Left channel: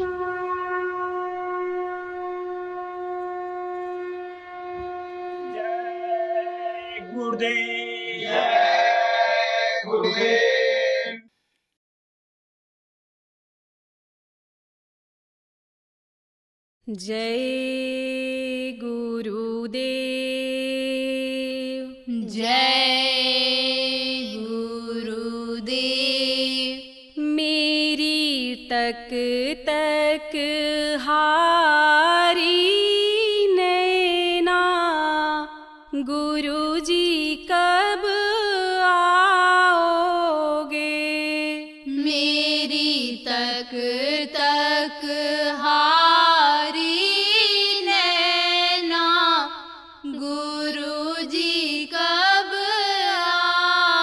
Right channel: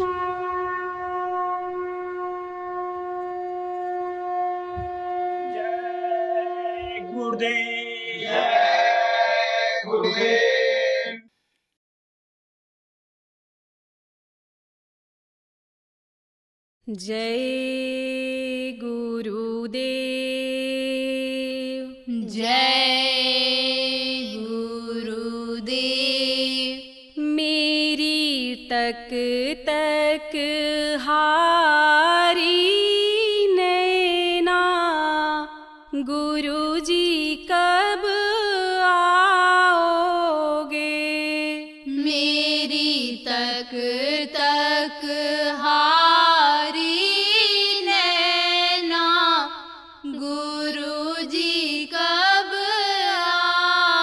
जय गुरुदेव। जय गुरुदेव। जय गुरुदेव। जय गुरुदेव। मेरी तक तक हारी नैना, गुरुजी कब आओगे? मेरी तक तक हारी नैना, गुरुजी कब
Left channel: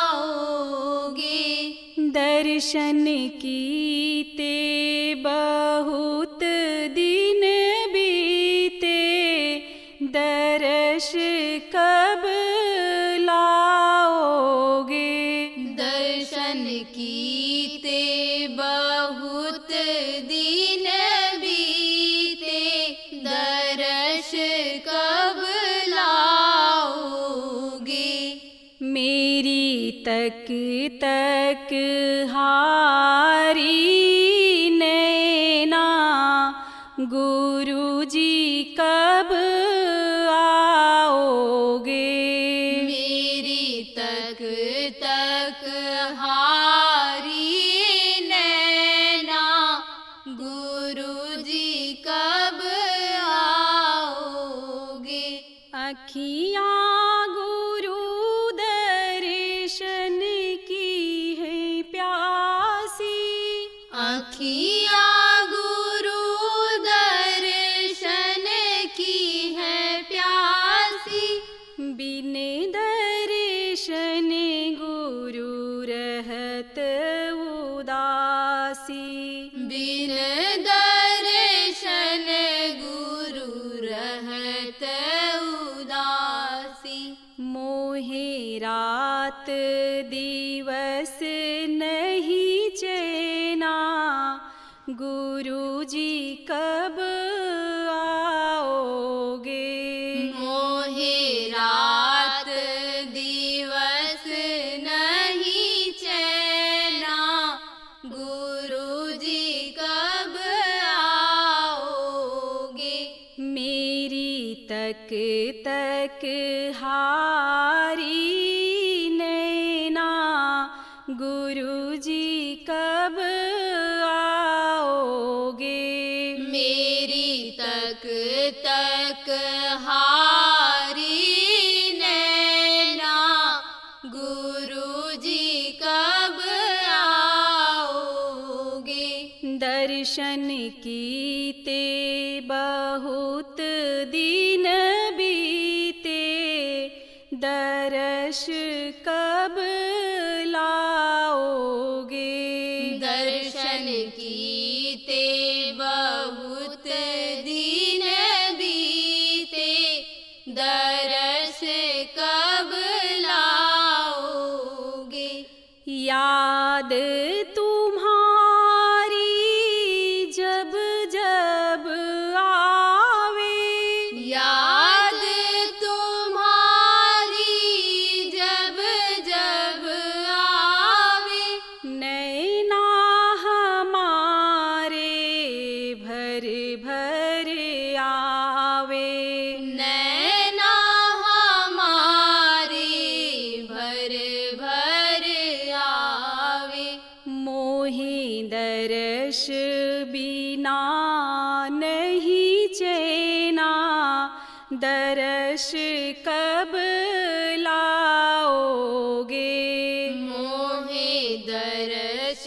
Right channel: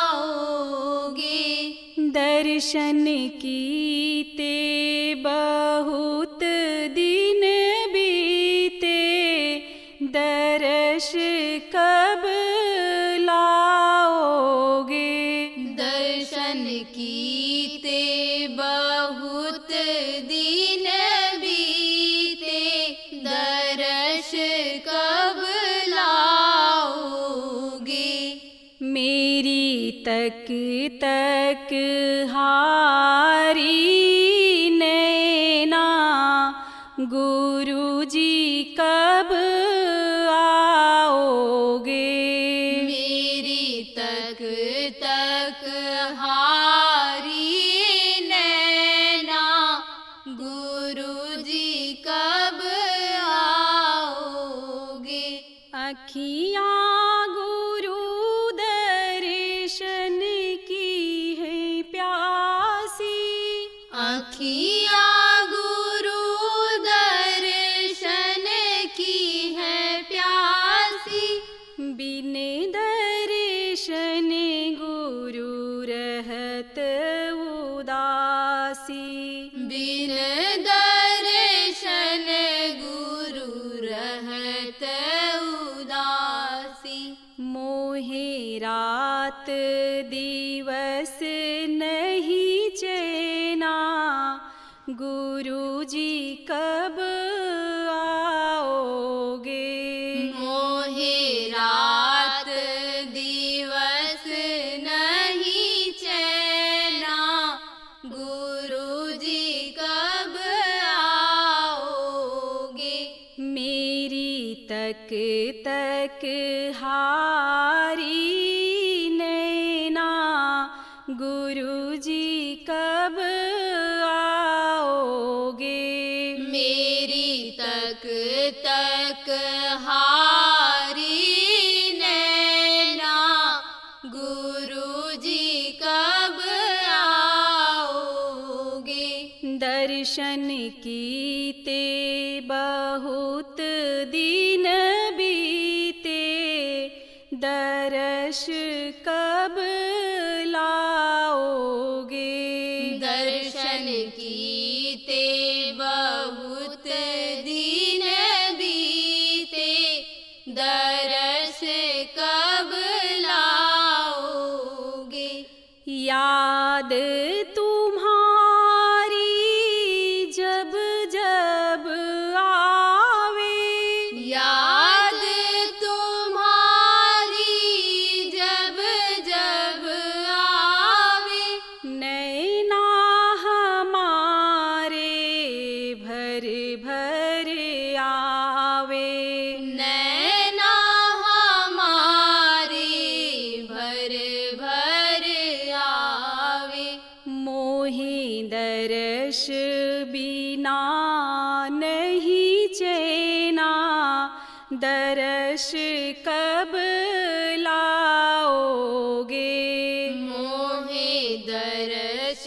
आओगे? दर्शन कीते बहुत दिन बीते, दर्श कब लाओगे? दर्शन कीते बहुत दिन बीते, दर्श कब लाओगे? मेरी तक तक हारी नैना, गुरुजी कब आओगे? मेरी तक तक हारी नैना, गुरुजी कब आओगे? अखियाँ गुरु दर्शन की है प्यासी, अखियाँ गुरु दर्शन की है प्यासी, बिन दर्शन गुरु रहत उदासी। बिन दर्शन गुरु रहत उदासी। मोहे रात दिवस नहीं चैना, गुरुजी कब आओगे? मोहे रात दिवस नहीं चैना, गुरुजी कब आओगे? मेरी तक तक हारी नैना, गुरुजी कब आओगे? मेरी तक तक हारी नैना, गुरुजी कब आओगे? दर्शन कीते बहुत दिन बीते, दर्श कब लाओगे? दर्शन कीते बहुत दिन बीते, दर्श कब लाओगे? याद तुम्हारी जब जब आवे, याद तुम्हारी जब जब आवे, नैना हमारे भर भर आवे। नैना हमारे भर भर आवे। मोहे दर्श बिना नहीं चैना, दर्श कब लाओगे? मोहे दर्श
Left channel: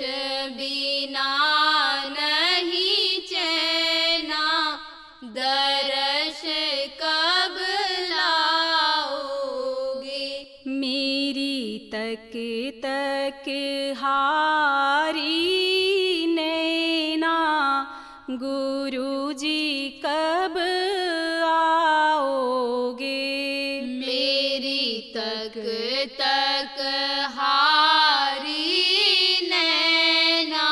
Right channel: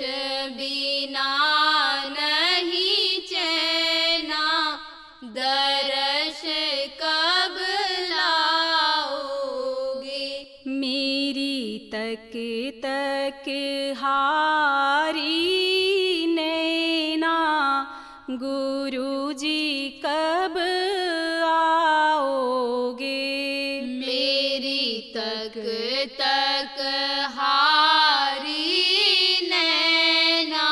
बिना नहीं चैना, दर्श कब लाओगे? मेरी तक तक हारी नैना, गुरुजी कब आओगे? मेरी तक तक हारी नैना,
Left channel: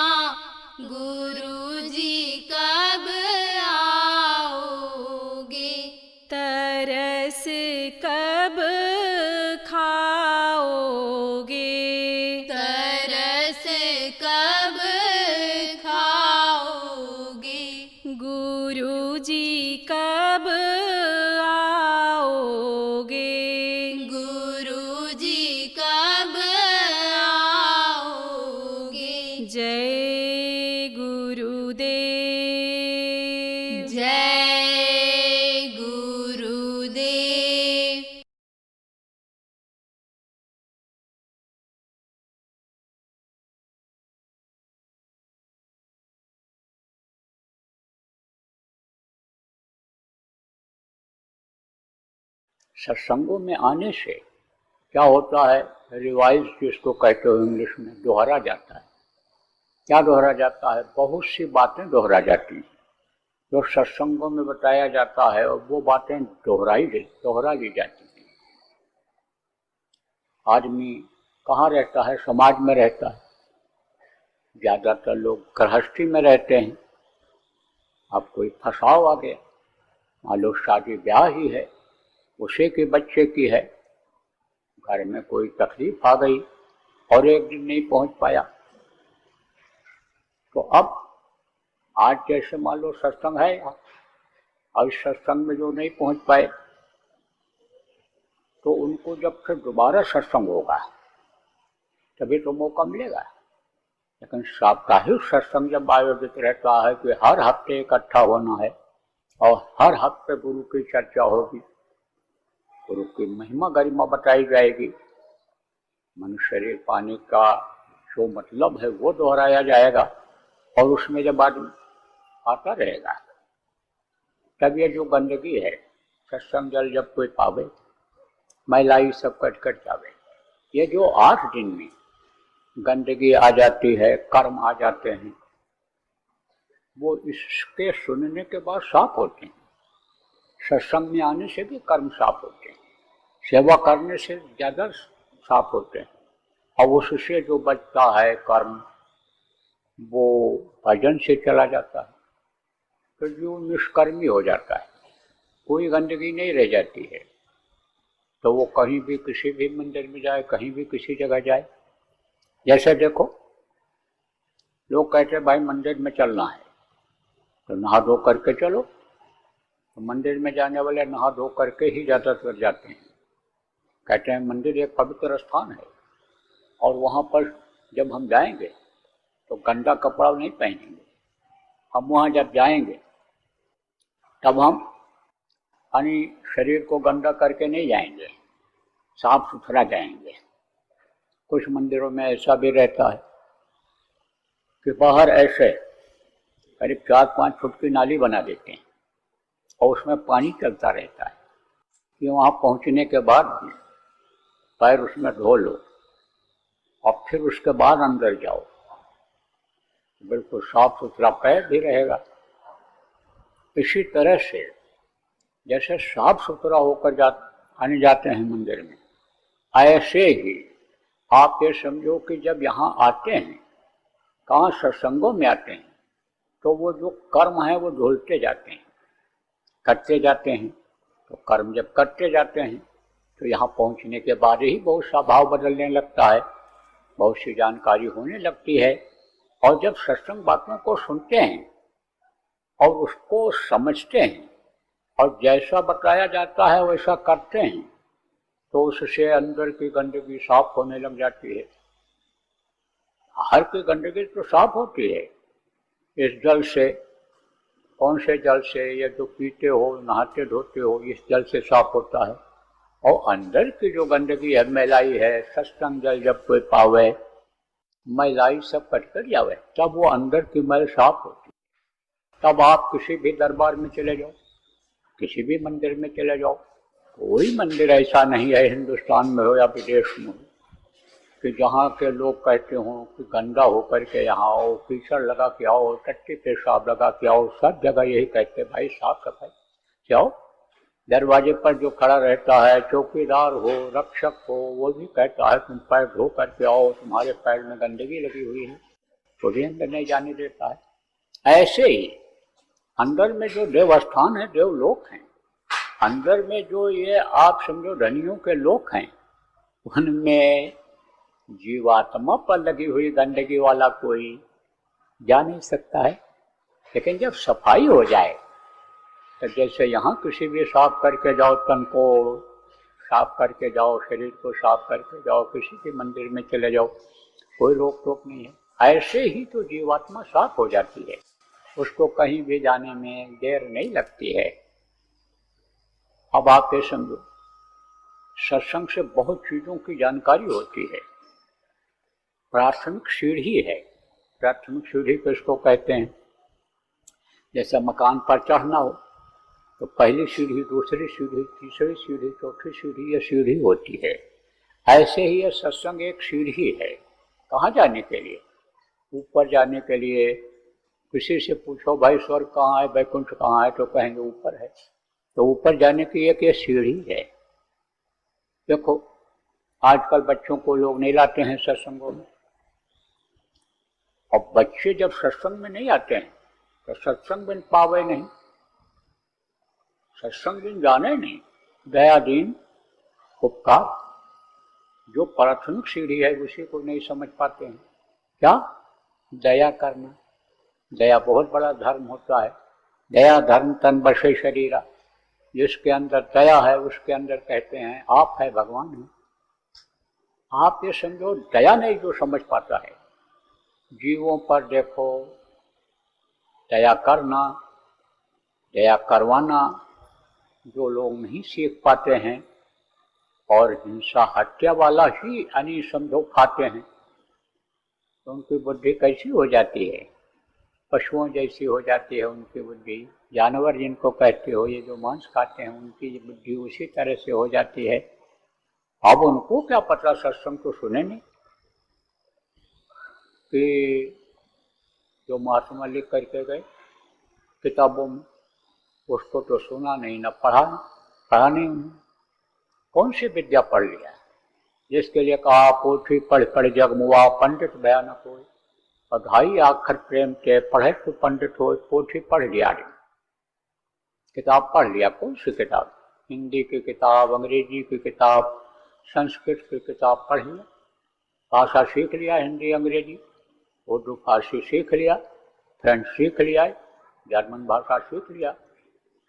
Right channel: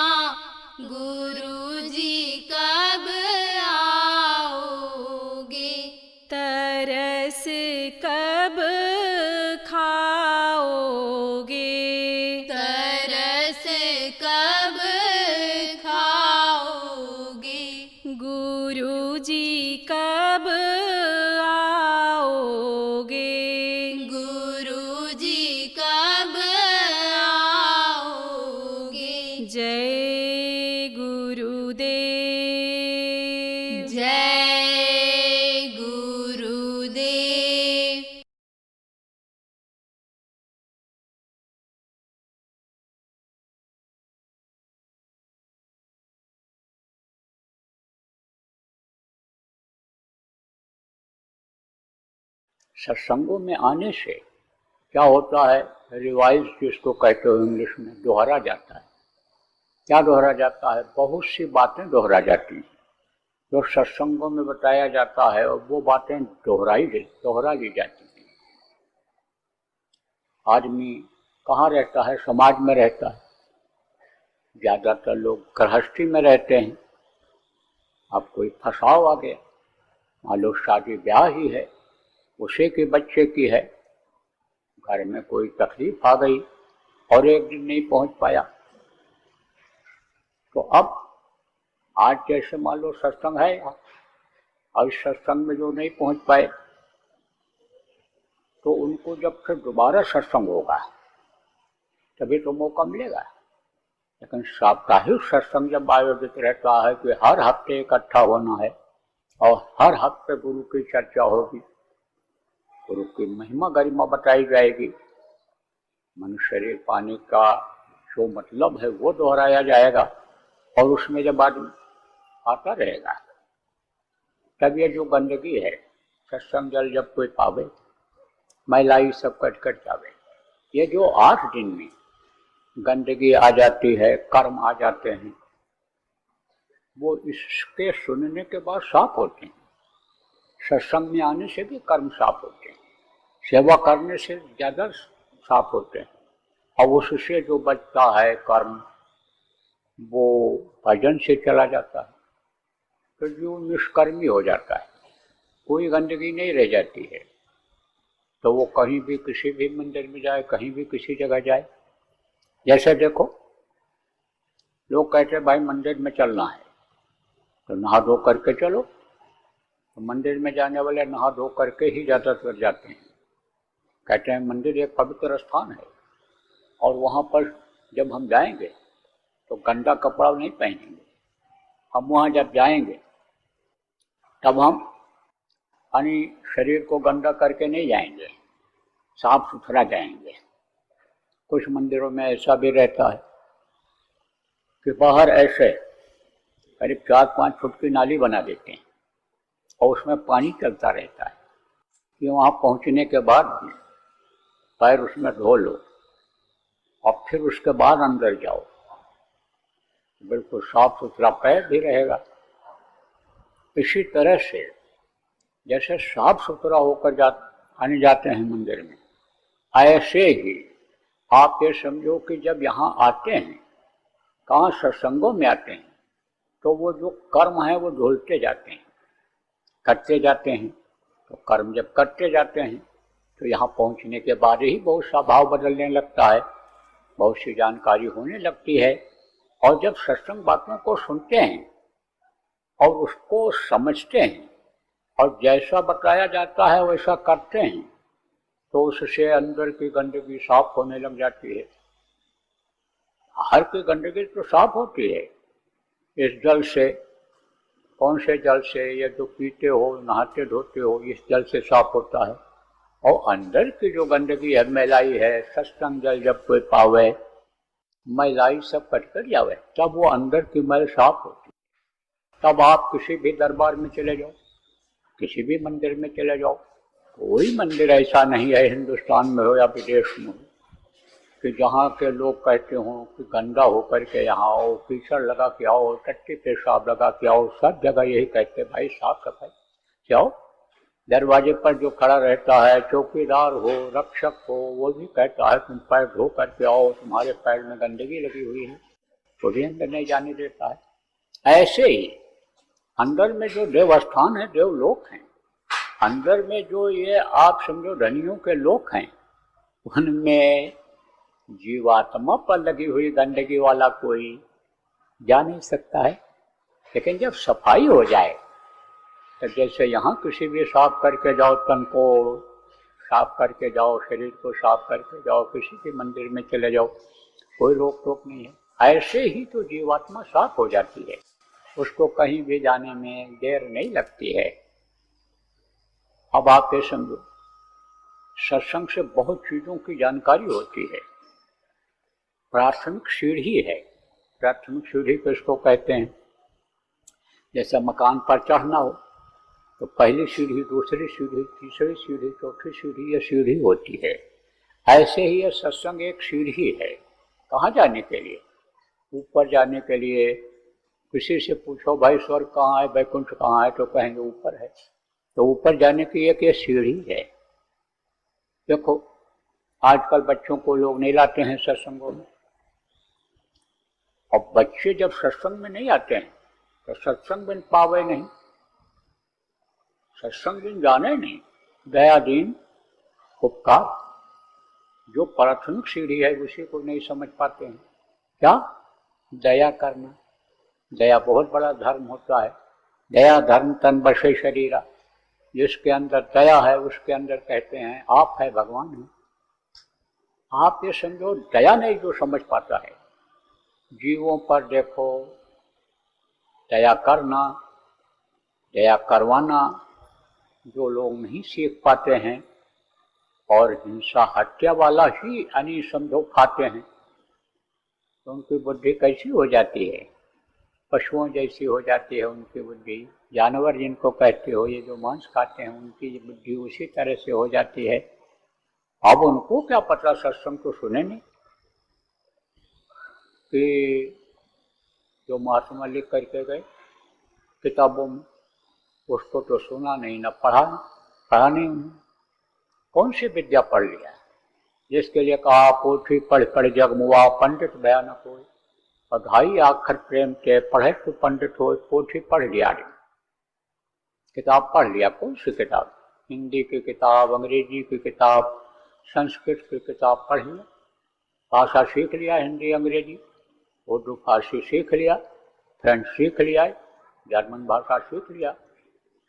गुरुजी का गुरुदेव। जय गुरुदेव। सत्संगों में आने से क्या होता है, रिवाइज जिसको कहते हो इंग्लिश में, दोहरा जाता है। क्या दोहरा जाता है? बहुत सी बातें दोहरा जाती हैं जो सत्संगों में बताया जाता है, और वो बातें दोहरा ली जाती हैं। आदमी कहाँ रहता है? समाज में रहता है। ज़्यादातर लोग गृहस्थी में रहते हैं। अब कोई फंसाव आ गया, मान लो शादी ब्याह ही है, उसी के बच्चे की है, घर में कोई तकलीफ आ गई और एक दिन नहीं पहुंच पाया, तो अब आज जैसे मान लो सत्संग है और इस सत्संग में जो नहीं पहुंच पाए, तो उनको जब फिर दोबारा सत्संग होगा तभी तो मौका मिलेगा। लेकिन साप्ताहिक सत्संग जब आयोजित रहता है कि हर हफ्ते इकट्ठा होना है और हर हफ्ते गुरु की चर्चा होगी, गुरु की महिमा गरिमा बताई जाएगी, मनुष्य शरीर पाने का जो मतलब है वो दोहराया जाएगा, और उसमें जब आदमी आता रहेगा तब ये जो गंदगी है, सत्संग जल जब कोई पावे, महिलाई सब कट कट जावे, ये जो 8 दिन में गंदगी आ जाती है, कर्म आ जाते हैं, वो इसके सुनने के बाद साफ होते हैं। सत्संग में आने से भी कर्म साफ होते हैं, सेवा करने से ज़्यादा साफ होते हैं, और उससे जो बचता है कर्म वो भजन से चला जाता है, तो जो निष्कर्मी हो जाता है, कोई गंदगी नहीं रह जाती है। तो वो कहीं भी किसी भी मंदिर में जाए, कहीं भी किसी जगह जाए, जैसे देखो लोग कहते हैं भाई मंदिर में चलना है तो नहा धो करके चलो, तो मंदिर में जाने वाले नहा धो करके ही ज़्यादातर जाते हैं। कहते हैं मंदिर एक पवित्र स्थान है और वहाँ पर जब हम जाएंगे तो गंदा कपड़ा नहीं पहनेंगे, हम वहाँ जब जाएंगे तब हम यानी शरीर को गंदा करके नहीं जाएंगे, साफ सुथरा जाएंगे। कुछ मंदिरों में ऐसा भी रहता है कि बाहर ऐसे 4-5 फुट की नाली बना देते हैं और उसमें पानी चलता रहता है कि वहाँ पहुँचने के बाद पैर उसमें धो लो और फिर उसके बाद अंदर जाओ, बिल्कुल साफ सुथरा पैर भी रहेगा। इसी तरह से जैसे साफ सुथरा होकर आने जाते हैं मंदिर में, ऐसे ही आप ये समझो कि जब यहाँ आते हैं, कहाँ सत्संगों में आते हैं, तो वो जो कर्म है वो धुलते जाते हैं, करते जाते हैं। तो कर्म जब करते जाते हैं तो यहाँ पहुँचने के बाद ही बहुत सा भाव बदलने लगता है, बहुत सी जानकारी होने लगती है। और जब सत्संग बातों को सुनते हैं और उसको समझते हैं और जैसा बताया जाता है वैसा करते हैं, तो उससे अंदर की गंदगी साफ होने लग जाती है। बाहर की गंदगी तो साफ होती है इस जल से। कौन से जल से? ये जो पीते हो, नहाते धोते हो, इस जल से साफ होता है। और अंदर की जो गंदगी है, मैलाई है, सत्संग जल जब कोई पावे, मैलाई सब कट कर जावे, तब वो अंदर की मैल साफ होती है। तब आप किसी भी दरबार में चले जाओ, किसी भी मंदिर में चले जाओ, कोई मंदिर ऐसा नहीं है हिंदुस्तान में हो या विदेश में हो कि जहाँ के लोग कहते हों कि गंदा होकर के यहाँ आओ, कीचड़ लगा के आओ, टट्टी पेशाब लगा के आओ। सब जगह यही कहते भाई साफ सफाई जाओ। दरवाजे पर जो खड़ा रहता है, चौकीदार हो, रक्षक हो, वो भी कहता है तुम पैर धो करके आओ, तुम्हारे पैर में गंदगी लगी हुई है, तो दिन में नहीं जाने देता है। ऐसे ही अंदर में जो देवस्थान है, देवलोक हैं, अंदर में जो ये आप समझो धनियों के लोक हैं, उनमें जीवात्मा पर लगी हुई गंदगी वाला कोई जा नहीं सकता है। लेकिन जब सफाई हो जाए, तो जैसे यहाँ किसी भी साफ करके जाओ, तन को साफ करके जाओ, शरीर को साफ करके जाओ, किसी भी मंदिर में चले जाओ, कोई रोक टोक नहीं है। ऐसे ही तो जीवात्मा साफ हो जाती है। उसको कहीं भी जाने में देर नहीं लगती है। अब आप ये समझो, सत्संग से बहुत चीजों की जानकारी होती है। प्राथमिक सीढ़ी है। प्राथमिक सीढ़ी किसको कहते हैं? जैसे मकान पर चढ़ना हो तो पहली सीढ़ी, दूसरी सीढ़ी, तीसरी सीढ़ी, चौथी सीढ़ी, ये सीढ़ी होती है। ऐसे ही ये सत्संग एक सीढ़ी है। कहाँ जाने के लिए? ऊपर जाने के लिए। किसी से पूछो भाई स्वर्ग कहाँ है, वैकुंठ कहाँ है, तो कहेंगे ऊपर है। तो ऊपर जाने की एक ये सीढ़ी है। देखो आजकल बच्चों को लोग नहीं लाते हैं सत्संगों में। अब बच्चे जब सत्संग में नहीं आते हैं तो सत्संग बिन पावे नहीं, सत्संग बिन जाने नहीं। दया दीन उपकार, जो प्राथमिक सीढ़ी है उसी को नहीं समझ पाते हैं। क्या? दया करना। दया बहुत बड़ा धर्म होता है। दया धर्म तन बसे शरीरा। जिसके अंदर दया है उसके अंदर कहते हैं आप है भगवान है। आप ये समझो, दया नहीं जो समझ पाता है। जीवों पर देखो, दया करना, दया करवाना जो लोग नहीं सीख पाते हैं और हिंसा हत्या वाला ही यानी समझो खाते हैं, उनकी बुद्धि कैसी हो जाती है? पशुओं जैसी हो जाती है उनकी बुद्धि। जानवर जिनको कहते हो, ये जो मांस खाते हैं, उनकी बुद्धि उसी तरह से हो जाती है। अब उनको क्या पता, सत्संग तो सुने नहीं कि जो महात्मा लिख करके गए किताबों, उसको तो सुना नहीं, न पढ़ा नहीं उन्होंने। कौन सी विद्या पढ़ लिया? जिसके लिए कहा पोथी पढ़ पढ़ जग मुआ, पंडित भया न कोई। अघाई आखर प्रेम के पढ़े तो पंडित हो। पोथी पढ़ लिया, किताब पढ़ लिया। कौन सी किताब? हिंदी की किताब, अंग्रेजी की किताब, संस्कृत की किताब पढ़ लिया। भाषा सीख लिया, हिंदी अंग्रेजी उर्दू फारसी सीख लिया, फ्रेंच सीख लिया, जर्मन भाषा सीख लिया,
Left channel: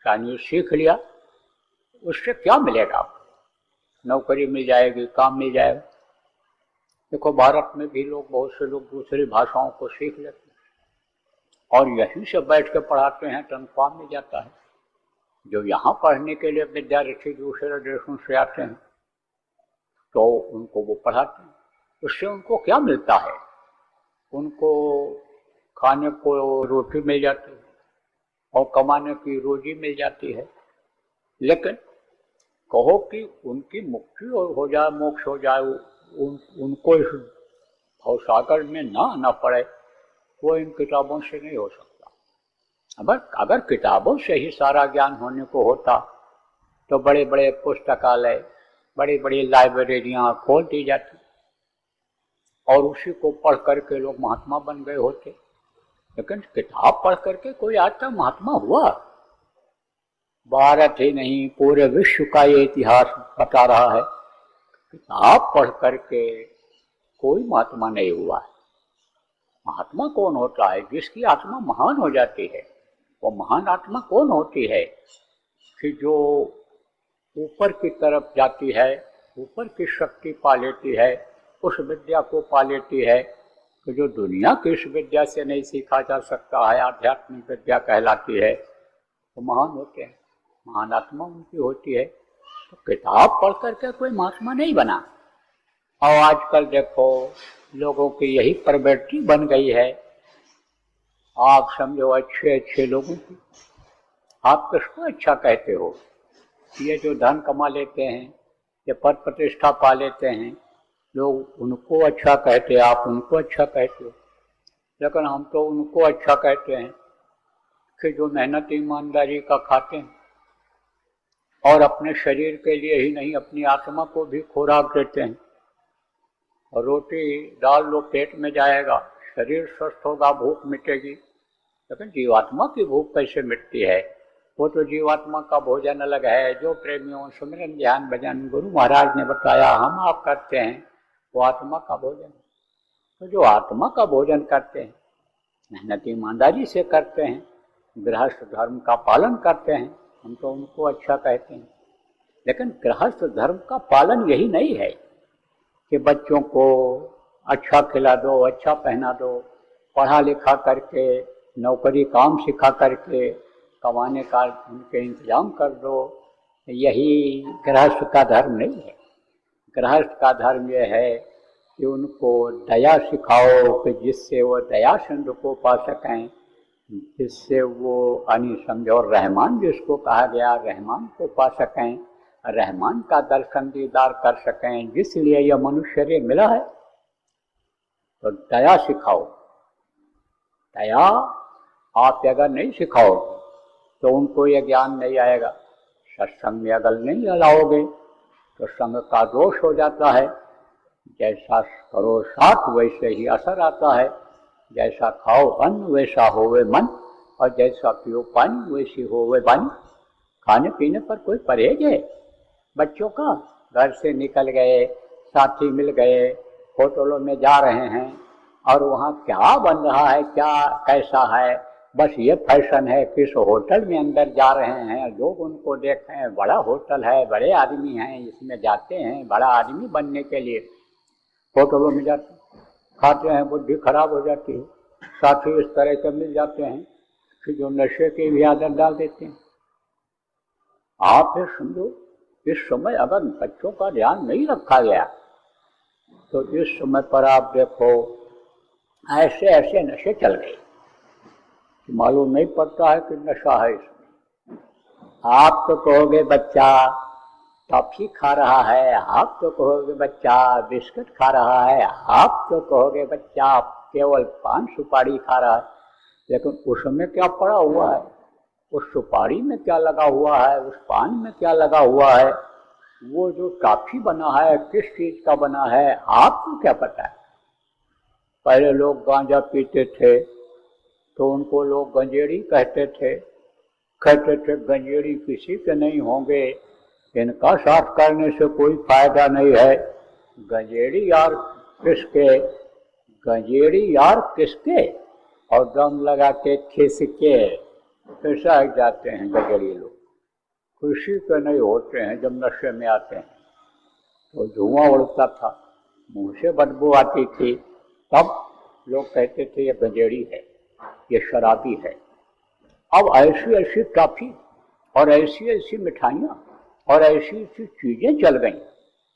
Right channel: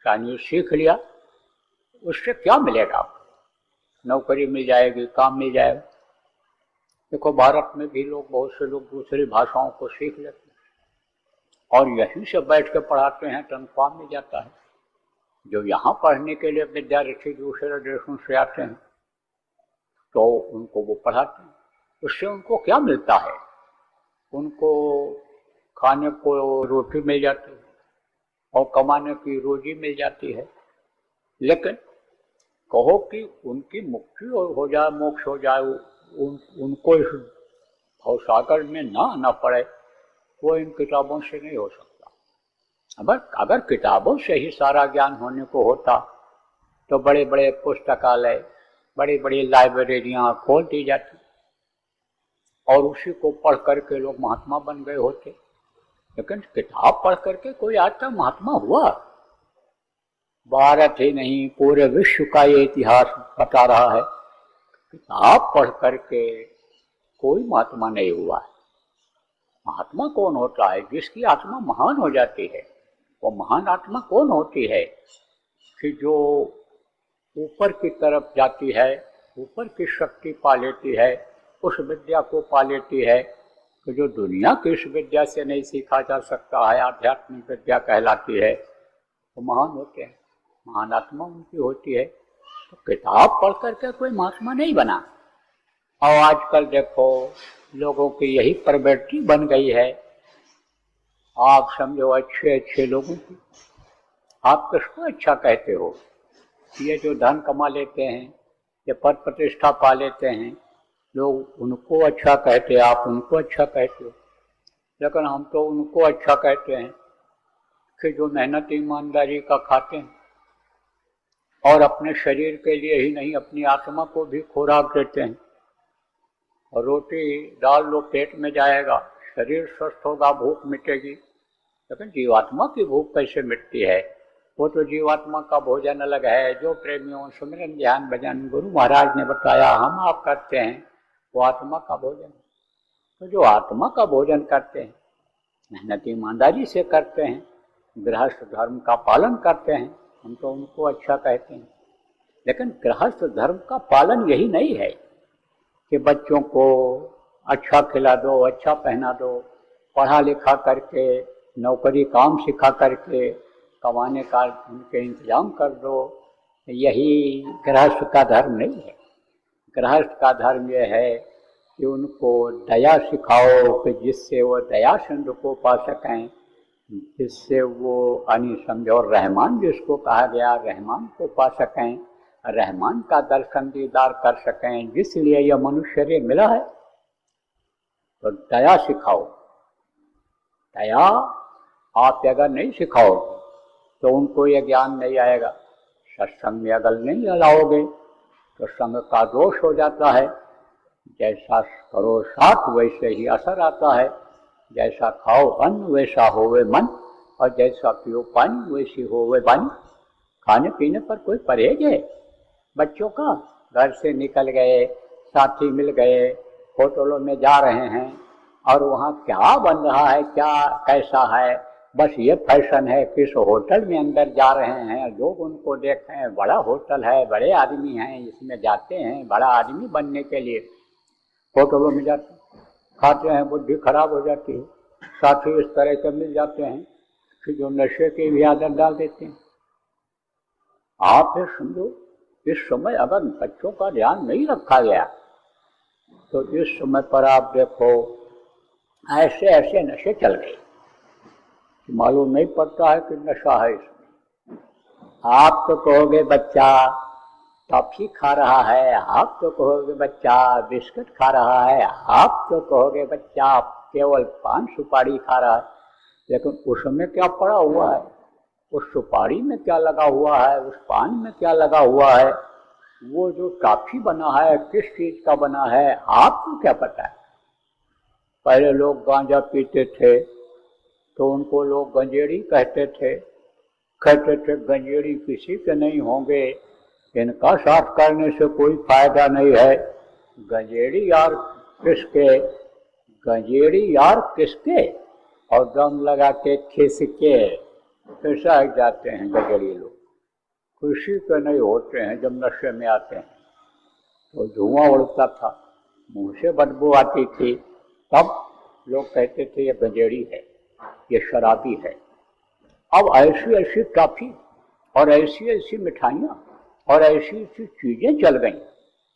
चाइनीज सीख लिया। उससे क्या मिलेगा? नौकरी मिल जाएगी, काम मिल जाएगा। देखो भारत में भी लोग, बहुत से लोग दूसरी भाषाओं को सीख लेते हैं और यहीं से बैठ के पढ़ाते हैं, तनख्वाह मिल जाता है। जो यहाँ पढ़ने के लिए विद्यार्थी दूसरे देशों से आते हैं तो उनको वो पढ़ाते हैं। उससे उनको क्या मिलता है? उनको खाने को रोटी मिल जाती है और कमाने की रोजी मिल जाती है। लेकिन कहो कि उनकी मुक्ति हो जाए, मोक्ष हो जाए, उनको इस भवसागर में ना आना पड़े, वो इन किताबों से नहीं हो सकता। अगर किताबों से ही सारा ज्ञान होने को होता तो बड़े बड़े पुस्तकालय, बड़ी बड़ी लाइब्रेरियां खोल दी जाती और उसी को पढ़ करके लोग महात्मा बन गए होते। लेकिन किताब पढ़ करके कोई आज तक महात्मा हुआ? भारत ही नहीं, पूरे विश्व का ये इतिहास बता रहा है, किताब पढ़ करके कोई महात्मा नहीं हुआ है। महात्मा कौन होता है? जिसकी आत्मा महान हो जाती है। वो महान आत्मा कौन होती है? कि जो ऊपर की तरफ जाती है, ऊपर की शक्ति पा लेती है, उस विद्या को पा लेती है कि जो दुनिया की इस विद्या से नहीं सीखा जा सकता है, आध्यात्मिक विद्या कहलाती है, वो महान होते हैं। महान आत्मा उनकी होती है। तो किताब पढ़ करके कोई महात्मा नहीं बना। और आजकल देखो लोगों की यही प्रवृत्ति बन गई है। आप समझो अच्छे अच्छे लोगों की आप किसको अच्छा कहते हो? ये जो धन कमा लेते हैं, ये पद प्रतिष्ठा पा लेते हैं, लोग उनको अच्छा कहते हैं, आप उनको अच्छा कहते हो। लेकिन हम तो उनको अच्छा कहते हैं कि जो मेहनत ईमानदारी का खाते हैं और अपने शरीर के लिए ही नहीं, अपनी आत्मा को भी खुराक देते हैं। और रोटी डाल लो पेट में जाएगा, शरीर स्वस्थ होगा, भूख मिटेगी। लेकिन जीवात्मा की भूख कैसे मिटती है? वो तो जीवात्मा का भोजन अलग है। जो प्रेमियों सुमिरन ध्यान भजन गुरु महाराज ने बताया हम आप करते हैं, वो आत्मा का भोजन। तो जो आत्मा का भोजन करते हैं, मेहनत ईमानदारी से करते हैं, गृहस्थ धर्म का पालन करते हैं, हम तो उनको अच्छा कहते हैं। लेकिन गृहस्थ धर्म का पालन यही नहीं है कि बच्चों को अच्छा खिला दो, अच्छा पहना दो, पढ़ा लिखा करके नौकरी काम सिखा करके कमाने का उनके इंतजाम कर दो। यही गृहस्थ का धर्म नहीं है। गृहस्थ का धर्म यह है कि उनको दया सिखाओ कि जिससे वो दया सिंधु को पा सकें, जिससे वो अनि समझो रहमान जिसको कहा गया रहमान को पा सकें, रहमान का दर्शन दीदार कर सकें, जिसलिए यह मनुष्य मिला है। तो दया सिखाओ। दया आप अगर नहीं सिखाओ तो उनको यह ज्ञान नहीं आएगा। सत्संग में अगर नहीं लाओगे तो संग का दोष हो जाता है। जैसा करो साथ वैसे ही असर आता है। जैसा खाओ अन्न वैसा होवे मन, और जैसा पियो पानी वैसी होवे वाणी। खाने पीने पर कोई परहेज है बच्चों का? घर से निकल गए, साथी मिल गए, होटलों में जा रहे हैं और वहाँ क्या बन रहा है, क्या कैसा है, बस ये फैशन है। किस होटल में अंदर जा रहे हैं, लोग उनको देखें, बड़ा होटल है, बड़े आदमी हैं, इसमें जाते हैं बड़ा आदमी बनने के लिए। होटलों में जाते हैं, खाते हैं, बुद्धि खराब हो जाती है। साथी इस तरह के मिल जाते हैं कि जो नशे की भी आदत डाल देते हैं। आप समझो, इस समय अगर बच्चों का ध्यान नहीं रखा गया तो इस समय पर आप देखो ऐसे ऐसे नशे चल रहे, मालूम नहीं पड़ता है कि नशा है इसमें। आप तो कहोगे बच्चा टॉफी खा रहा है, आप तो कहोगे बच्चा बिस्कुट खा रहा है, आप तो कहोगे बच्चा केवल पान सुपारी खा रहा है। लेकिन उसमें क्या पड़ा हुआ है, उस सुपारी में क्या लगा हुआ है, उस पान में क्या लगा हुआ है, वो जो टॉफी बना है किस चीज का बना है, आप क्या पता है। पहले लोग गांजा पीते थे तो उनको लोग गंजेड़ी कहते थे गंजेड़ी किसी के नहीं होंगे, इनका साफ करने से कोई फायदा नहीं है। गंजेड़ी यार किसके, गंजेड़ी यार किसके, और दम लगा के खिसके ऐसा हो जाते हैं गंजेड़ी लोग। खुशी के नहीं होते हैं, जब नशे में आते हैं तो धुआं उड़ता था, मुंह से बदबू आती थी, तब लोग कहते थे ये गंजेड़ी है, ये शराबी है। अब ऐसी ऐसी टॉफी और ऐसी ऐसी मिठाइयाँ और ऐसी ऐसी चीजें चल गई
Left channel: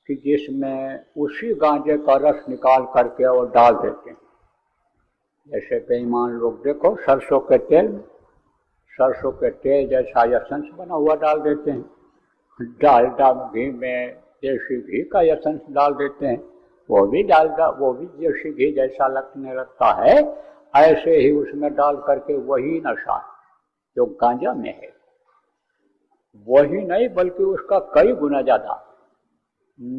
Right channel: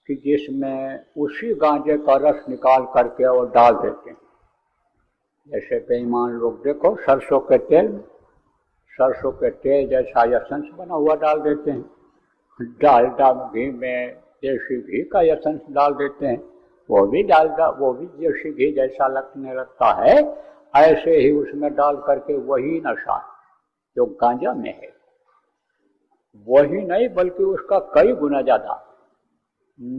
कि जिसमें उसी गांजे का रस निकाल करके और डाल देते हैं। जैसे बेईमान लोग देखो सरसों के तेल में, सरसों के तेल जैसा एसेंस बना हुआ डाल देते हैं, डालडा घी में देसी घी का एसेंस डाल देते हैं, वो भी डालडा, वो भी देसी घी जैसा लगने लगता है। ऐसे ही उसमें डाल करके वही नशा जो गांजा में है, वही नहीं बल्कि उसका कई गुना ज्यादा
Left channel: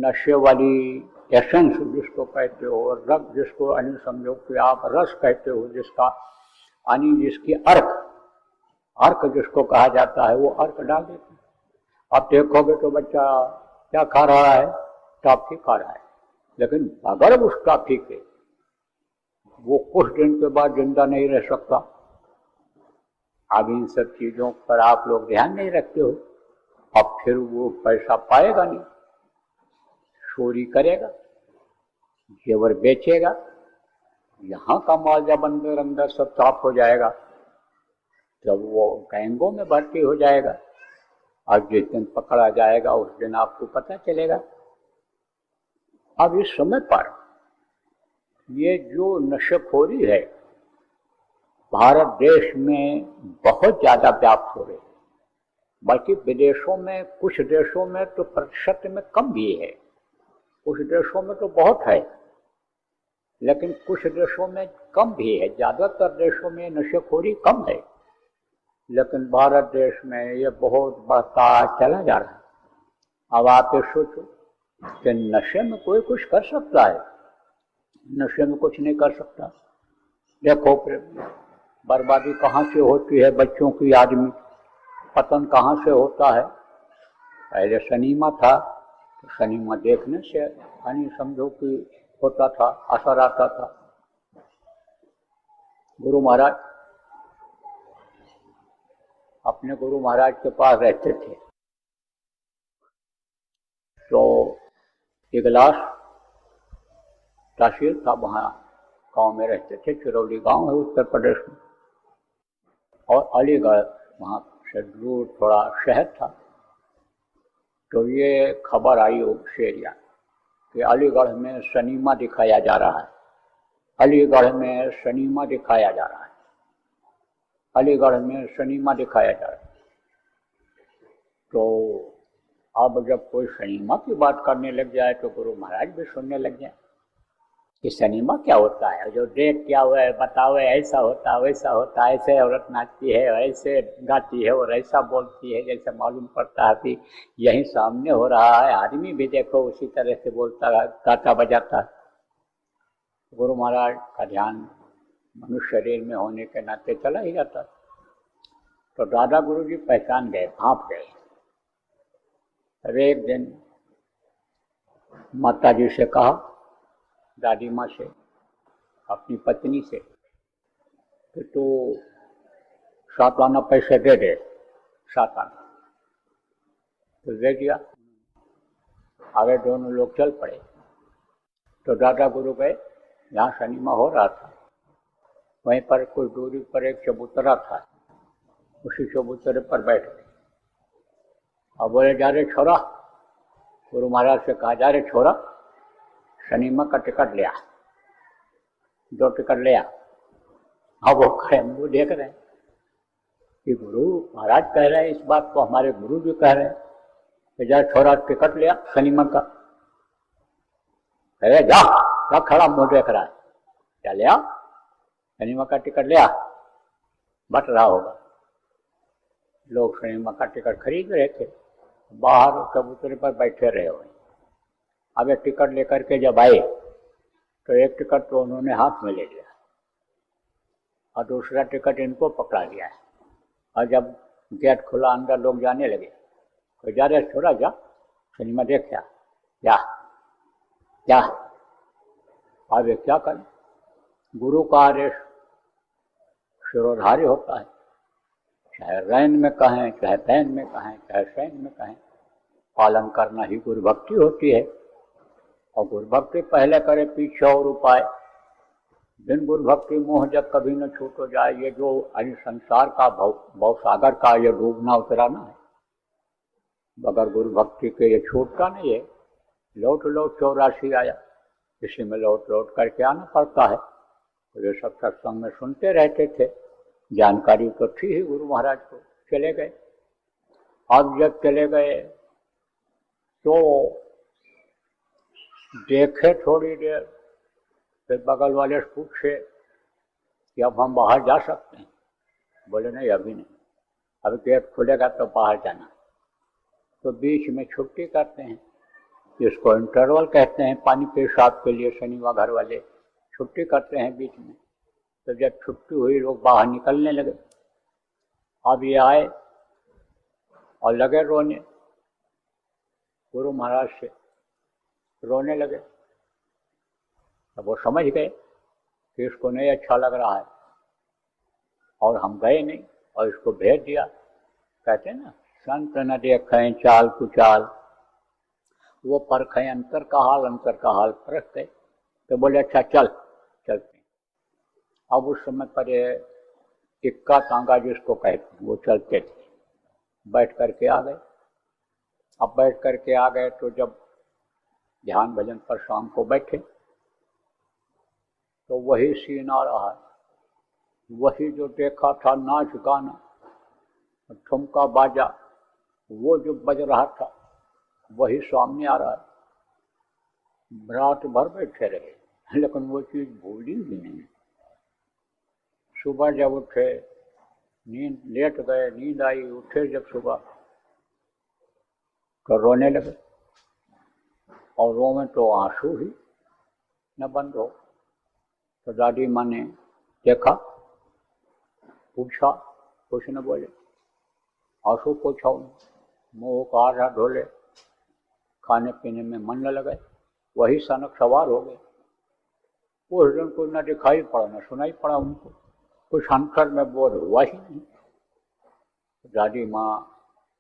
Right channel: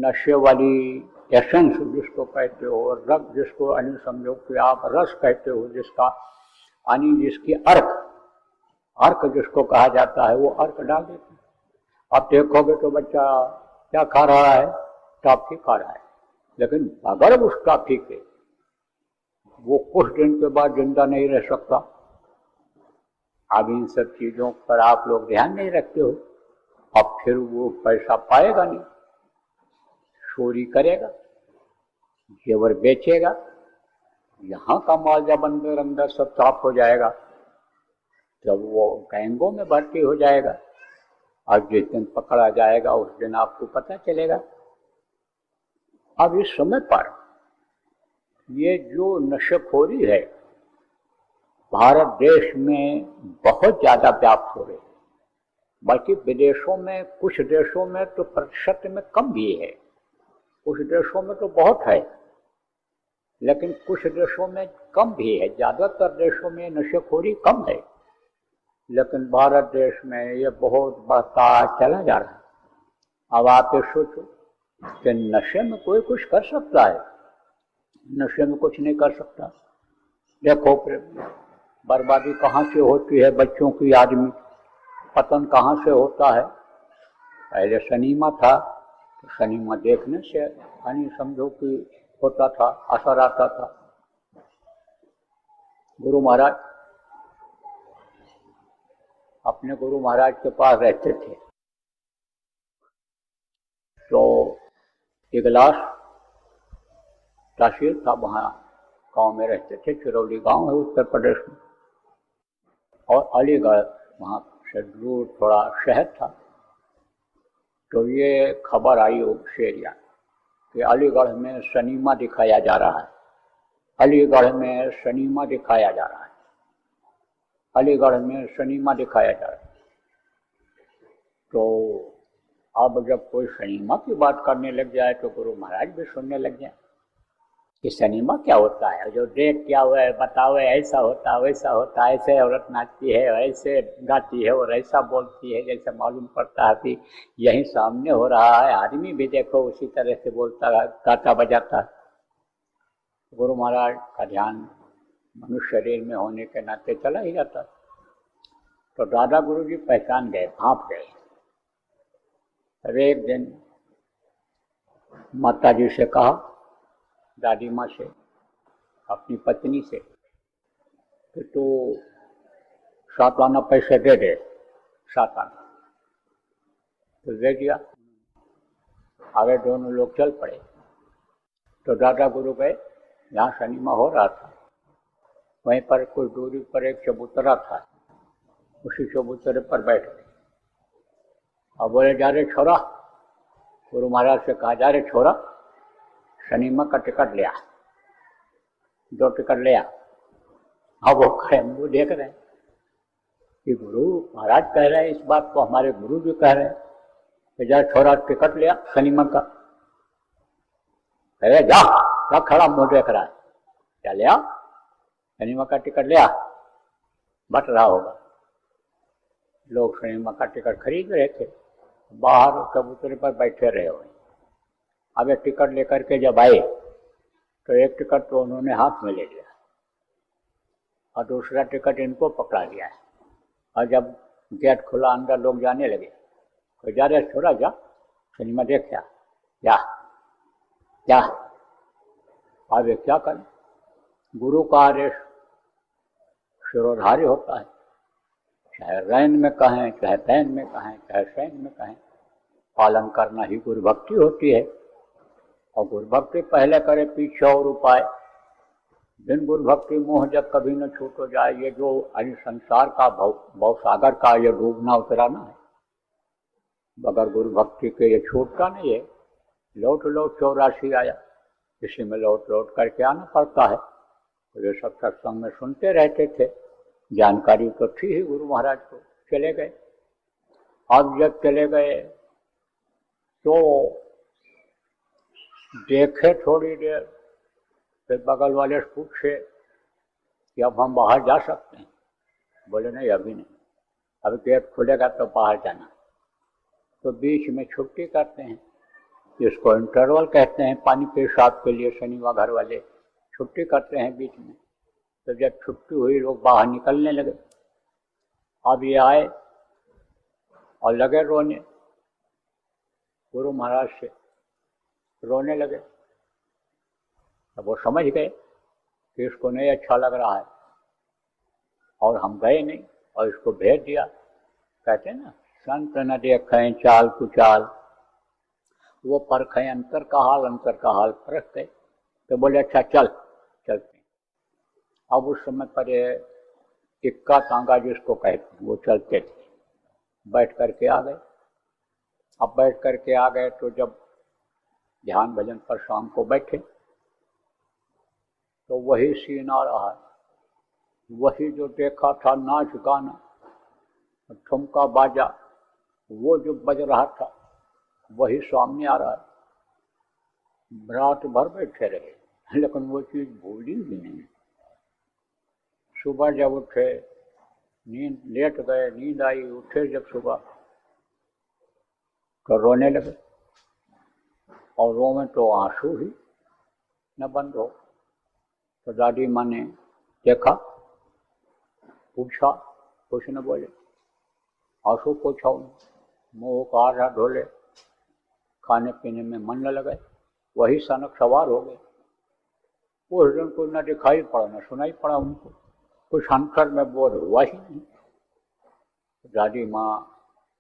नशे वाली एसेंस जिसको कहते हो, रस जिसको अनि समझो कि आप रस कहते हो, जिसका अनि जिसकी अर्क अर्क जिसको कहा जाता है, वो अर्क डाल देते हैं। अब देखोगे तो बच्चा क्या खा रहा है, टॉफी खा रहा है, लेकिन अगर उस टॉफी के वो कुछ दिन के बाद जिंदा नहीं रह सकता। अब इन सब चीजों पर आप लोग ध्यान नहीं रखते हो, अब फिर वो पैसा पाएगा नहीं, चोरी करेगा, जेवर बेचेगा, यहाँ का माल जब अंदर अंदर सब साफ हो जाएगा तब वो गैंगों में भर्ती हो जाएगा, और जिस दिन पकड़ा जाएगा उस दिन आपको पता चलेगा। अब इस समय पर ये जो नशेखोरी है भारत देश में बहुत ज्यादा व्याप्त हो रही है, बल्कि विदेशों में कुछ देशों में तो प्रतिशत में कम भी है, कुछ देशों में तो बहुत है, लेकिन कुछ देशों में कम भी है। ज्यादातर देशों में नशेखोरी कम है, लेकिन भारत देश में ये बहुत बढ़ता चला जा रहा है। अब आप सोचो कि नशे में कोई कुछ कर सकता है, नशे में कुछ नहीं कर सकता। देखो बर्बादी कहाँ से होती है, बच्चों की याद में पतन कहाँ से होता है। पहले सनीमा था, सनीमा देखने से यानी समझो कि होता था, असर आता था। गुरु महाराज अपने गुरु महाराज के पास रहते थे, तो इगलास तहसील था, वहाँ गांव में रहते थे, चिरौली गांव है उत्तर प्रदेश में। और अलीगढ़ वहाँ से दूर थोड़ा शहर था। तो ये खबर आई से एरिया कि अलीगढ़ में सिनेमा दिखाया जा रहा है, अलीगढ़ में सिनेमा दिखाया जा रहा है, अलीगढ़ में सिनेमा दिखाया जा रहा है। तो अब जब कोई सिनेमा की बात करने लग जाए तो गुरु महाराज भी सुनने लग जाए कि सिनेमा क्या होता है, जो देख क्या हुआ है बताओ, ऐसा होता वैसा होता, ऐसे औरत नाचती है, ऐसे गाती है और ऐसा बोलती है, जैसे मालूम पड़ता है कि यही सामने हो रहा है, आदमी भी देखो उसी तरह से बोलता है, गाता बजाता है। गुरु महाराज का ध्यान मनुष्य शरीर में होने के नाते चला ही जाता। तो दादा गुरु जी पहचान गए, भाप गए। एक दिन माता जी से कहा, दादी माँ से, अपनी पत्नी से, कि तू 7 आना पैसे दे दे, 7 आना। तो दे दिया। आगे दोनों लोग चल पड़े। तो दादा गुरु गए, यहाँ सिनेमा हो रहा था, वहीं पर कुछ दूरी पर एक चबूतरा था, उसी चबूतरे पर बैठ गए। अब बोले, जा रे छोरा, गुरु महाराज से कहा, जा रे छोरा, सिनेमा का टिकट लिया, 2 टिकट लिया। अब वो खड़े मुँह देख रहे हैं कि गुरु महाराज कह रहे हैं इस बात को, हमारे गुरु जी कह रहे हैं कि जा छोरा टिकट लिया सिनेमा का। अरे जा, खड़ा मुँह देख रहा है, क्या लिया, सिनेमा का टिकट लिया। बट रहा होगा, लोग सिनेमा का टिकट खरीद रहे थे, बाहर कबूतरे पर बैठे रहे हुए। अब एक टिकट लेकर के जब आए तो एक टिकट तो उन्होंने हाथ में ले लिया और दूसरा टिकट इनको पकड़ा लिया है। और जब गेट खुला, अंदर लोग जाने लगे, तो जा रहे छोड़ा, जा सिनेमा देख, जा क्या। अब ये क्या करें, गुरु का आदेश शिरोधारी होता है, चाहे रैन में कहें, चाहे पैन में कहें, चाहे सैन में कहें, पालन करना ही गुरु भक्ति होती है। और गुरु भक्ति पहले करे पीछे और उपाय। बिन गुरु भक्ति मोह जब कभी न छूट हो जाए, ये जो संसार का भव सागर का ये डूबना उतराना है, बगैर गुरु भक्ति के ये छूटता नहीं है। लौट 84 आया, इसे में लौट कर जाना पड़ता है। वे सब सत्संग में सुनते रहते थे, जानकारी तो थी ही गुरु महाराज को। चले गए। अब जब चले गए तो देखे थोड़ी देर, फिर बगल वाले से पूछे कि अब हम बाहर जा सकते हैं। बोले नहीं, अभी नहीं, अभी गेट खुलेगा तो बाहर जाना। तो बीच में छुट्टी करते हैं, जिसको इंटरवल कहते हैं, पानी पेशाब के लिए शनिवार घर वाले छुट्टी करते हैं बीच में। तो जब छुट्टी हुई, लोग बाहर निकलने लगे। अब ये आए और लगे रोने, गुरु महाराज से रोने लगे। तब वो समझ गए कि इसको नहीं अच्छा लग रहा है, और हम गए नहीं और इसको भेज दिया। कहते हैं ना, संत न देखें चाल कुचाल, वो परखें अंतर का हाल परख गए। तो बोले अच्छा चल, चलते। अब उस समय पर इक्का तांगा जिसको कहते हैं, वो चलते थे, बैठ करके आ गए। अब बैठ करके आ गए तो जब ध्यान भजन पर शाम को बैठे तो वही सीन आ रहा है, वही जो देखा था नाच गाना ठुमका बाजा, वो जो बज रहा था वही सामने आ रहा है। रात भर बैठे रहे, लेकिन वो चीज भूली ही नहीं। सुबह जब उठे, नींद लेट गए, नींद आई, उठे जब सुबह तो रोने लगे, और रो में तो आंसू ही न बंद हो। तो दादी माँ ने देखा, पूछा, कुछ न बोले, आंसू पूछा, मुँह का आधा धोले, खाने पीने में मन न लगे, वही सनक सवार हो गए। उस दिन को न दिखाई पड़ा न सुनाई पड़ा उनको, कुछ अंतर में बोध हुआ ही नहीं। दादी माँ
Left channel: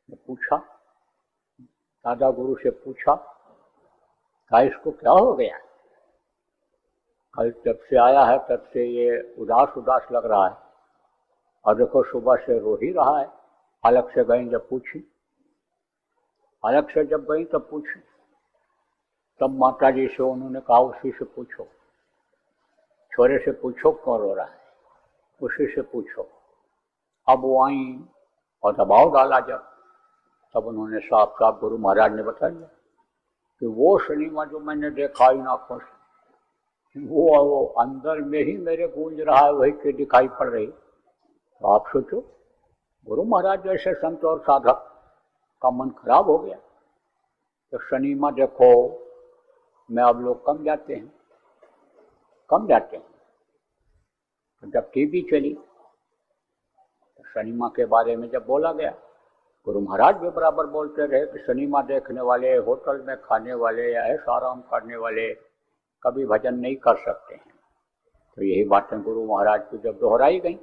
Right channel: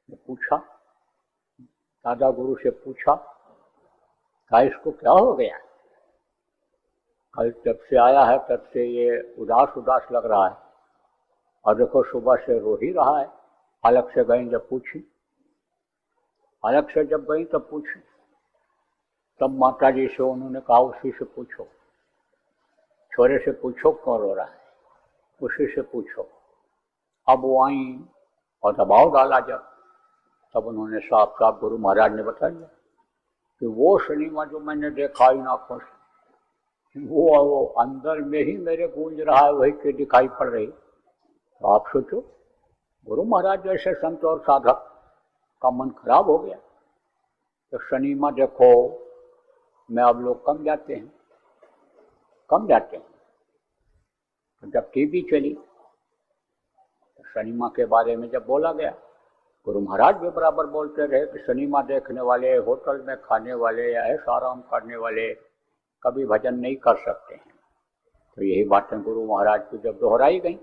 ने पूछा, दादा गुरु से पूछा, क्या इसको क्या हो गया, कल जब से आया है तब से ये उदास उदास लग रहा है। और देखो सुबह से रो ही रहा है। अलग से गई जब पूछी, अलग से जब गई तब पूछी, तब माता जी से उन्होंने कहा उसी से पूछो, छोरे से पूछो क्यों रो रहा है, उसी से पूछो। अब वो आई और दबाव डाला जब, तब उन्होंने साफ साफ गुरु महाराज ने बताया कि वो सिनेमा जो मैंने देखा ही ना फर्स्ट, वो अंदर में ही मेरे गूंज रहा है, वही पे दिखाई पड़ रही। तो आप सोचो, गुरु महाराज जैसे संत और साधक का मन खराब हो गया। तो सिनेमा देखो में अब लोग कम जाते हैं, कम जाते हैं। तो जब टीवी चली तो सिनेमा के बारे में जब बोला गया, गुरु महाराज भी बराबर बोलते रहे कि सिनेमा देखने वाले, होटल में खाने वाले या ऐसा आराम करने वाले कभी भजन नहीं कर सकते हैं। तो यही बातें गुरु महाराज की जब दोहराई गई,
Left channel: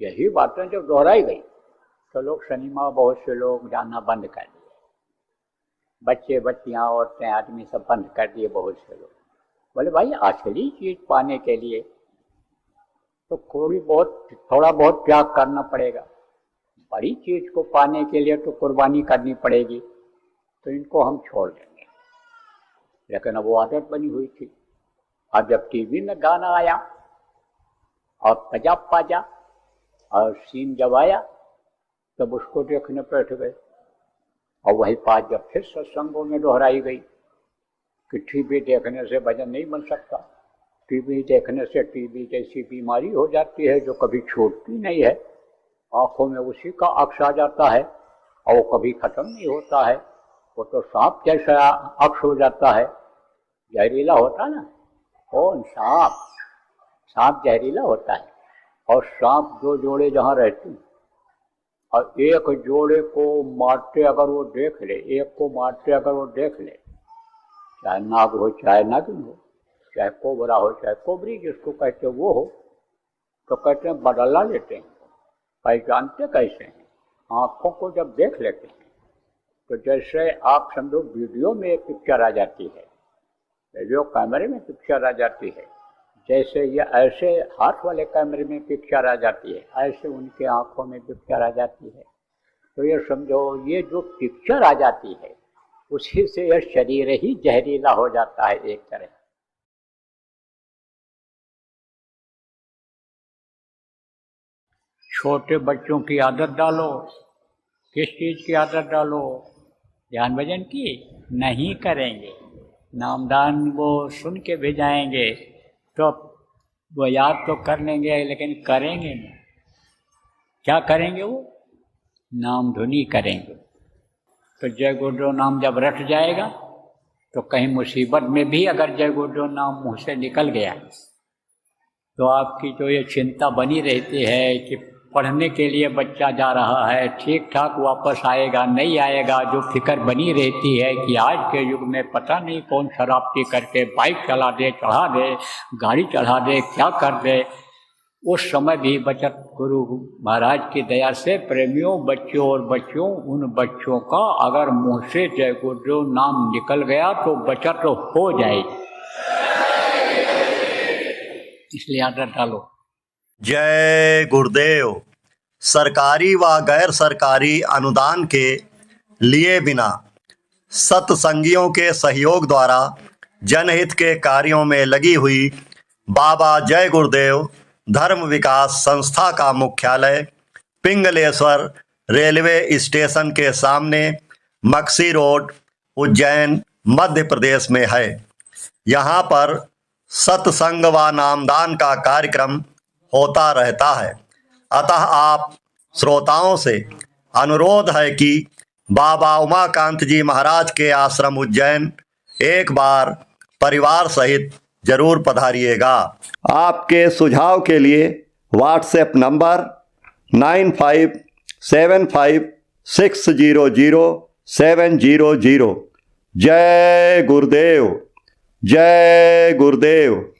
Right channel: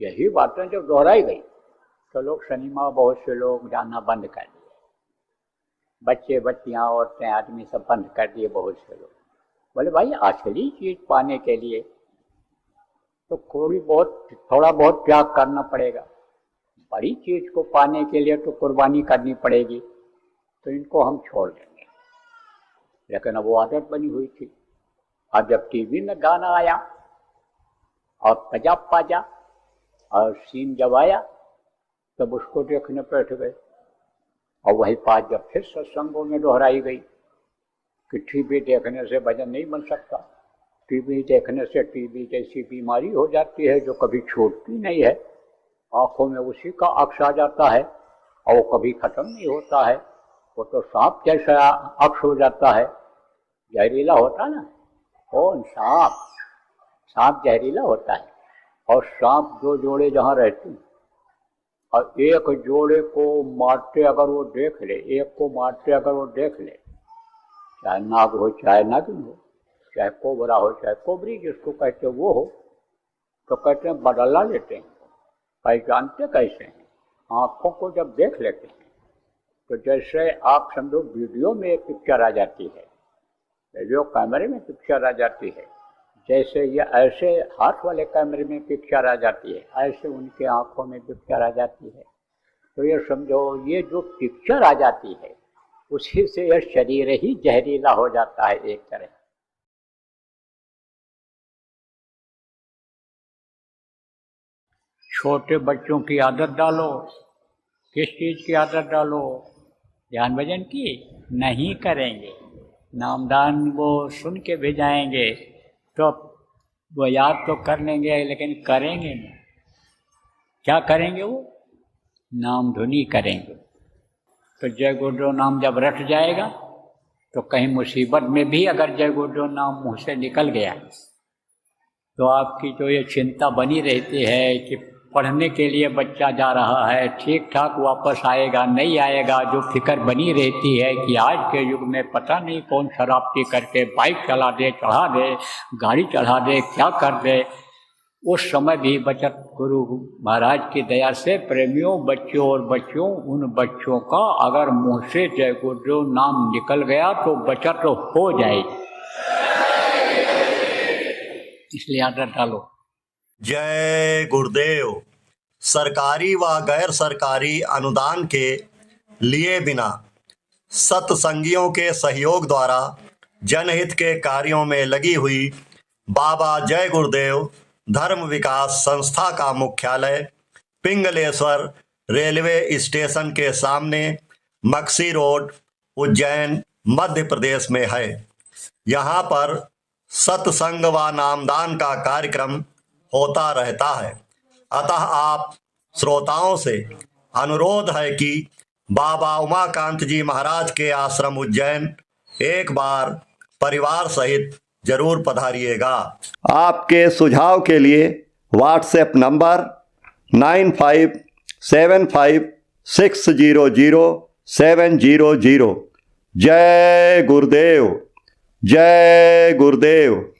यही बातें जब दोहराई गई, तो लोग सिनेमा, बहुत से लोग जाना बंद कर दिए। बच्चे बच्चियां, औरतें, आदमी सब बंद कर दिए। बहुत से लोग बोले भाई असली चीज पाने के लिए तो थोड़ा बहुत त्याग करना पड़ेगा, बड़ी चीज को पाने के लिए तो कुर्बानी करनी पड़ेगी, तो इनको हम छोड़ देंगे। लेकिन अब वो आदत बनी हुई थी। अब जब टीवी में गाना आया और पजा पाजा और सीन जब आया, तब उसको देखने बैठ गए। और वही बात जब फिर सत्संगों में दोहराई गई कि टीवी देखने से भजन नहीं बन सकता, टीवी देखने से टीवी जैसी बीमारी हो जाती है जो कभी छूटती नहीं है, आंखों में उसी का अक्ष आ जाता है और वो कभी खत्म नहीं होता है। वो तो सांप जैसा अक्ष हो जाता है, जहरीला होता है ना। कौन? सांप। सांप जहरीला होता है। और सांप दो जोड़े जहाँ रहते हैं और एक जोड़े को मारते अगर वो देख ले, एक को मारते अगर वो देख ले, चाहे नाग हो चाहे नागिन हो, चाहे कोबरा हो चाहे कोबरी जिसको कहते वो हो, तो कहते हैं बदला लेते हैं। पहचानते कैसे हैं? आंखों को जब देख लेते हैं तो जैसे आप समझो वीडियो में एक पिक्चर आ जाती है, वीडियो कैमरे में पिक्चर आ जाती है, जैसे ये ऐसे हाथ वाले कैमरे में पिक्चर आ जाती है, ऐसे उनके आंखों में पिक्चर आ जाती है। तो ये समझो ये जो पिक्चर आ जाती है उसी से यह शरीर ही जहरीला हो जाता है एक तरह। छोटे बच्चों की आदत डालो, किस चीज की आदत डालो? ध्यान भजन की नहीं करेंगे, नामदान वो सुन के भी जाएंगे तो वो याद तो कर लेंगे लेकिन करेंगे नहीं। क्या करेंगे? वो नाम धुनी करेंगे। तो जय गुरुदेव नाम जब रट जाएगा तो कहीं मुसीबत में भी अगर जय गुरुदेव नाम मुँह से निकल गया तो आपकी जो ये चिंता बनी रहती है कि पढ़ने के लिए बच्चा जा रहा है, ठीक ठाक वापस आएगा नहीं आएगा, जो फिक्र बनी रहती है कि आज के युग में पता नहीं कौन शराब पी करके बाइक चला दे, चढ़ा दे, गाड़ी चढ़ा दे, क्या कर दे, उस समय भी बचत गुरु महाराज की दया से प्रेमियों, बच्चों और बच्चों, उन बच्चों का अगर मुँह से जय गुरुदेव नाम निकल गया तो बचत हो जाएगी। इसलिए आदत डालो। जय गुरुदेव। सरकारी व गैर सरकारी अनुदान के लिए बिना सत्संगियों के सहयोग द्वारा जनहित के कार्यों में लगी हुई बाबा जय गुरुदेव धर्म विकास संस्था का मुख्यालय पिंगलेश्वर रेलवे स्टेशन के सामने मक्सी रोड, उज्जैन, मध्य प्रदेश में है। यहाँ पर सत्संग व नामदान का कार्यक्रम होता रहता है। अतः आप श्रोताओं से अनुरोध है कि बाबा उमाकांत जी महाराज के आश्रम उज्जैन एक बार परिवार सहित जरूर पधारिएगा। आपके सुझाव के लिए व्हाट्सएप नंबर 9575600700। जय गुरुदेव, जय गुरुदेव।